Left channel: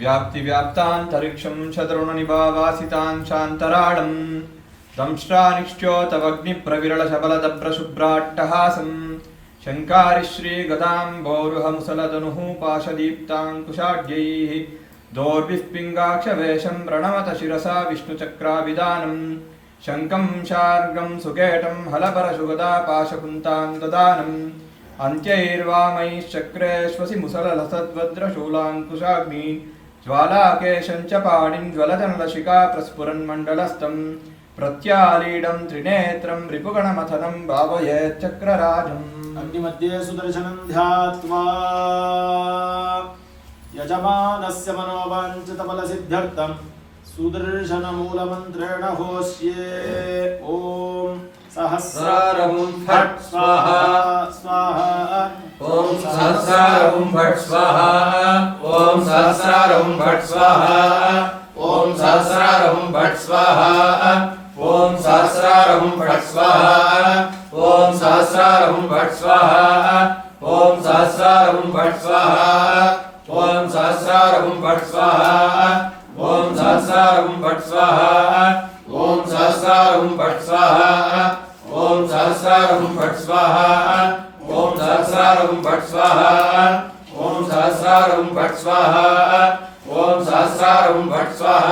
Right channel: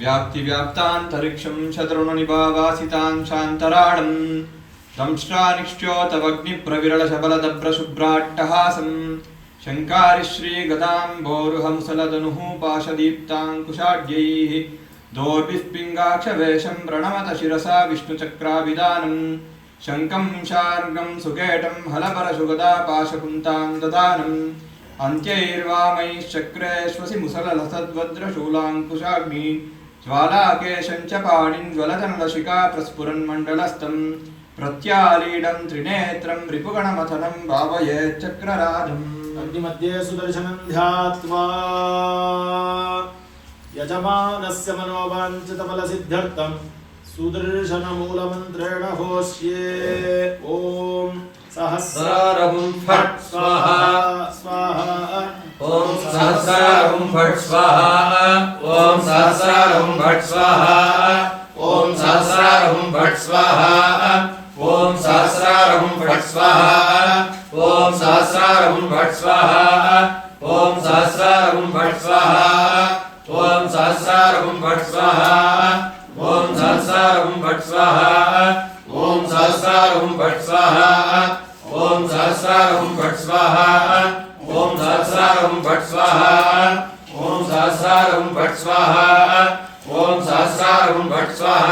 व्याप्तिव्याप्तान्तरिक्षं शतरुणनिभावासितां शान्तराणं संश्रानिश्च्योतवग्निप्रविरलशबलदभ्रशुभ्राट्टहासं शङ्कारिश्रीगतां बोरुहंसलदनुः पाशदीप्ताङ्कुशाढ्यैः दोर्भिः पिङ्गाक्षवेशं प्रणमत शिरसा विष्णुचक्राभिधानं शङ्कं शार्गं सुकेटं हलपरशुगदा पाशकुन्तां ददानम् అంత్యైర్వామై చక్రేశ్వసి ज्वालाकेशञ्च జ్వాలాకేశంచ పాణిం జ్వలజనలశికా ప్రస్ఫురన్మండలస్థం ప్రత్యాళీడం త్రినేత్రం రిపుగణమథనం భావయేచ్చక్రరాజం అగ్నిమధ్యే సుదర్శనం ధ్యాత్వా యజమానస్య మనోవాంఛితఫలసిద్ధ్యర్థం సుదర్శనమూలమంత్రేణ హోష్యే ఓం सहस्रारं फट् स्वाहा स्वाहा ॐ सहस्रारं भट् स्वाहा ॐ सहस्रारं भट् स्वाहा ॐ सहस्रारं भट् स्वाहा ॐ सहस्रारं भट् स्वाहा ॐ सहस्रारं भट् स्वाहा ॐ सहस्रारं भट् स्वाहा ॐ सहस्रारं भट् स्वाहा ॐ सहस्रारं भट् स्वाहा ॐ सहस्रारं भट् स्वाहा ఓం సహస్రారం భట్ స్వాహ ఓం సహస్రారం భట్ స్వాహ ఓం సహస్రారం భట్ స్వాహ ఓం సహస్రారం భట్ స్వాహ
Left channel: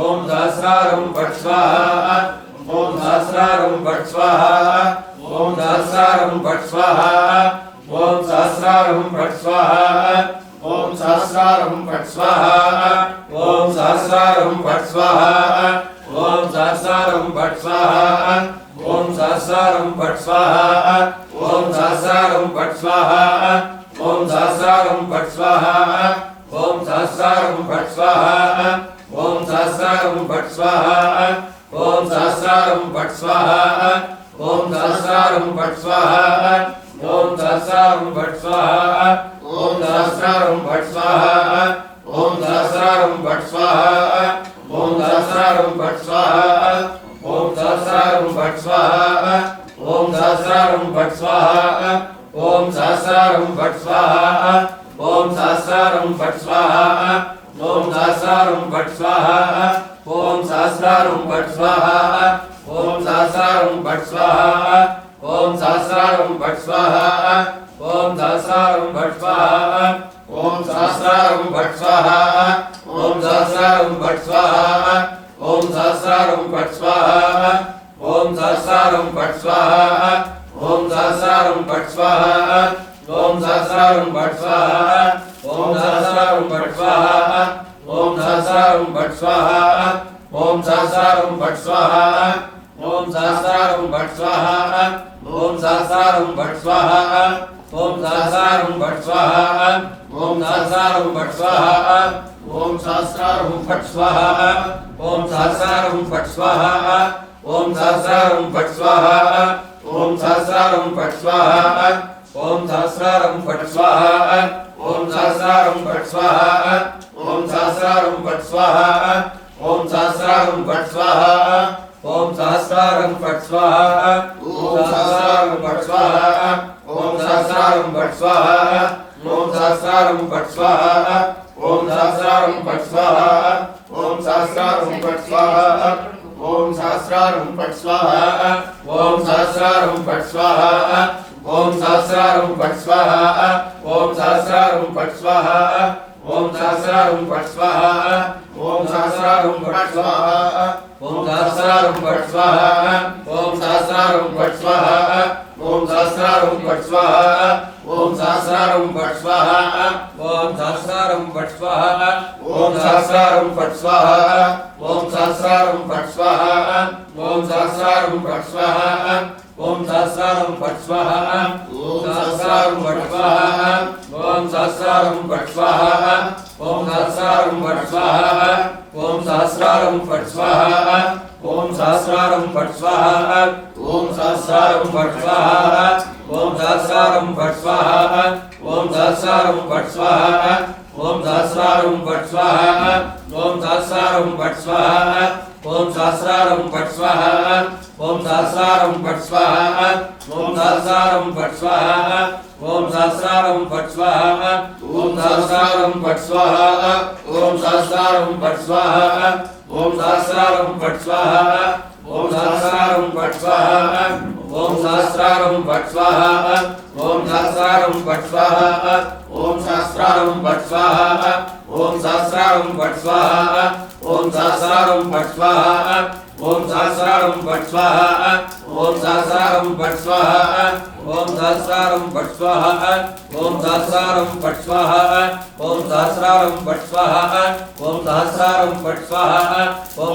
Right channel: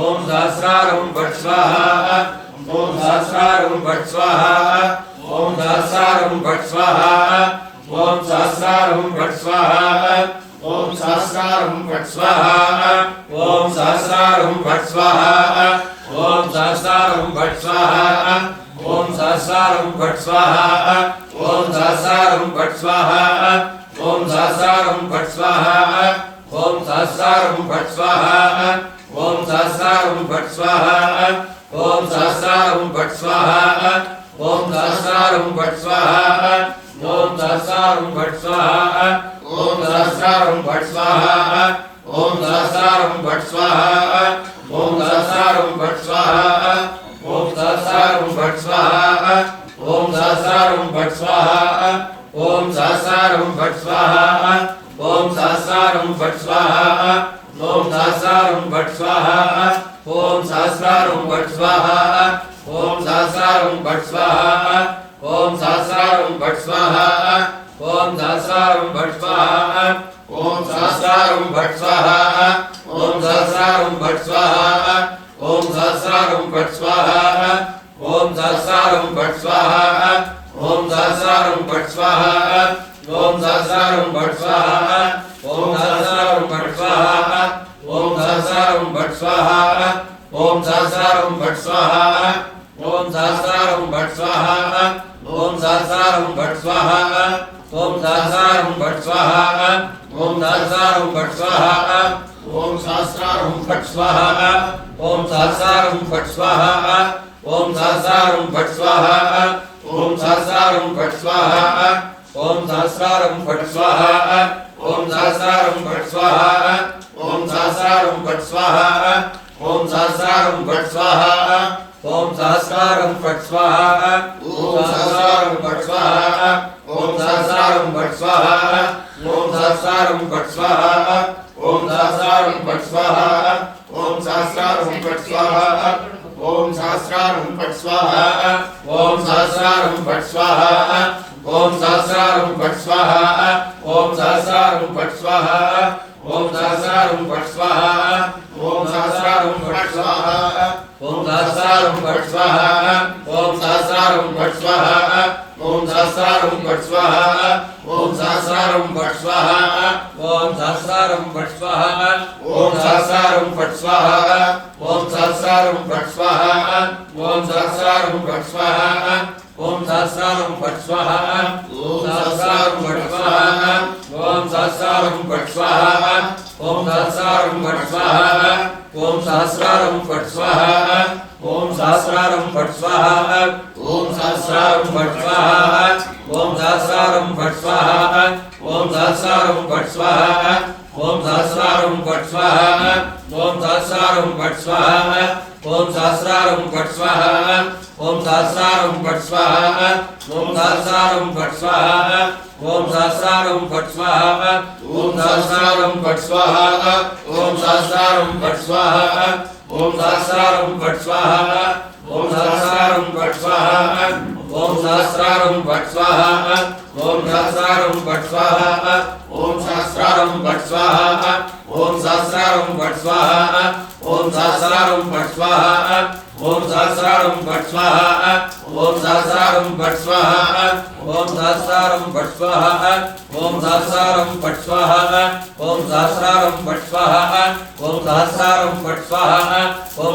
ఓం సహస్రారం భట్ స్వాహ ఓం సహస్రారం భట్ స్వాహ ఓం సహస్రారం భట్ స్వాహ ఓం సహస్రారం భట్ స్వాహ ఓం సహస్రారం భట్ స్వాహ ఓం సహస్రారం భట్ స్వాహ ఓం సహస్రారం భట్ స్వాహ సహస్రారం ఫట్ స్వాహ ఓం సహస్రారం ఫట్ స్వాహ ఓం సహస్రారం ఫట్ స్వాహ ఓం సహస్రారం ఫట్ స్వాహ ఓం సహస్రారం ఫట్ స్వాహ ఓం సహస్రారం ఫట్ స్వాహ ఓం సహస్రారం ఫట్ స్వాహ ఓం సహస్రారం ఫట్ స్వాహ ఓం సహస్రారం ఫట్ స్వాహ ఓం సహస్రారం ఫట్ స్వాహ ఓం సహస్రారం ఫట్ స్వాహ ఓం సహస్రారం ఫట్ స్వాహ సహస్రారం భట్ స్వాహ ఓం సహస్రారం భట్ స్వాహ ఓం సహస్రారం భట్ స్వాహ ఓం సహస్రారం భట్ స్వాహ ఓం సహస్రారం భట్ స్వాహ ఓం సహస్రారం భట్ స్వాహ ఓం సహస్రారం భట్ స్వాహ ఓం సహస్రారం భట్ స్వాహ ఓం సహస్రారం భట్ స్వాహ ఓం సహస్రారం భట్ స్వాహ ఓం సహస్రారం భట్ స్వాహ ఓం సహస్రారం భట్ స్వాహ ओम सहस्रारुम भट स्वाहा ओम सहस्रारुम भट स्वाहा ओम सहस्रारुम भट स्वाहा ओम सहस्रारुम भट स्वाहा ओम सहस्रारुम भट स्वाहा ओम सहस्रारुम भट स्वाहा ओम सहस्रारुम भट स्वाहा ओम सहस्रारुम भट स्वाहा ओम सहस्रारुम भट स्वाहा ओम सहस्रारुम भट स्वाहा ओम सहस्रारुम भट स्वाहा ओम सहस्रारुम भट स्वाहा ॐ सहस्रारं भट् स्वाहा ॐ सहस्रारं भट् स्वाहा ॐ सहस्रारं भट् स्वाहा ॐ सहस्रारं भट् स्वाहा ॐ सहस्रारं भट् स्वाहा ॐ सहस्रारं भट् स्वाहा ॐ सहस्रारं भट् स्वाहा ॐ सहस्रारं भट् स्वाहा ॐ सहस्रारं भट् स्वाहा ॐ सहस्रारं भट् स्वाहा ॐ सहस्रारं भट् स्वाहा ఓం సహస్రారం ఫట్ స్వాహ. ఓం సహస్రారం ఫట్ స్వాహ. ఓం సహస్రారం ఫట్ స్వాహ. ఓం సహస్రారం ఫట్ స్వాహ. ఓం సహస్రారం భట్ స్వాహ ఓం సహస్రారం భట్ స్వాహ ఓం సహస్రారం భట్ స్వాహ ఓం సహస్రారం భట్ స్వాహ ఓం సహస్రారం భట్ స్వాహ ఓం సహస్రారం భట్ స్వాహ ఓం సహస్రారం భట్ స్వాహ ఓం సహస్రారం భట్ స్వాహ ఓం సహస్రారం భట్ స్వాహ ఓం సహస్రారం భట్ స్వాహ ओम सहस्रारं फट स्वाहा ओम सहस्रारं फट् स्वाहा ओम सहस्रारं फट् स्वाहा ओम सहस्रारं फट् स्वाहा ओम सहस्रारं फट् स्वाहा ओम सहस्रारं फट् स्वाहा ओम सहस्रारं फट् स्वाहा ओम सहस्रारं फट् स्वाहा ओम सहस्रारं फट् स्वाहा ओम सहस्रारं फट् स्वाहा ओम सहस्रारं फट् स्वाहा भट् स्वाहा ॐ सहस्रारं भट् स्वाहा ॐ सहस्रारं भट् स्वाहा ॐ सहस्रारं भट् स्वाहा ॐ सहस्रारं भट् स्वाहा ॐ सहस्रारं भट् स्वाहा ॐ सहस्रारं भट् स्वाहा ॐ सहस्रारं भट् स्वाहा ॐ सहस्रारं भट् स्वाहा ॐ सहस्रारं भट् स्वाहा ॐ सहस्रारं भट् स्वाहा ॐ सहस्रारं भट् स्वाहा ॐ सहस्रारं भट् स्वाहा ओम सहस्रारम भट् स्वाहा। ओम सहस्रारम भट् स्वाहा। ओम सहस्रारम भट् स्वाहा। ओम सहस्रारम भट् स्वाहा। ओम सहस्रारम भट् स्वाहा। ओम सहस्रारम भट् स्वाहा। ॐ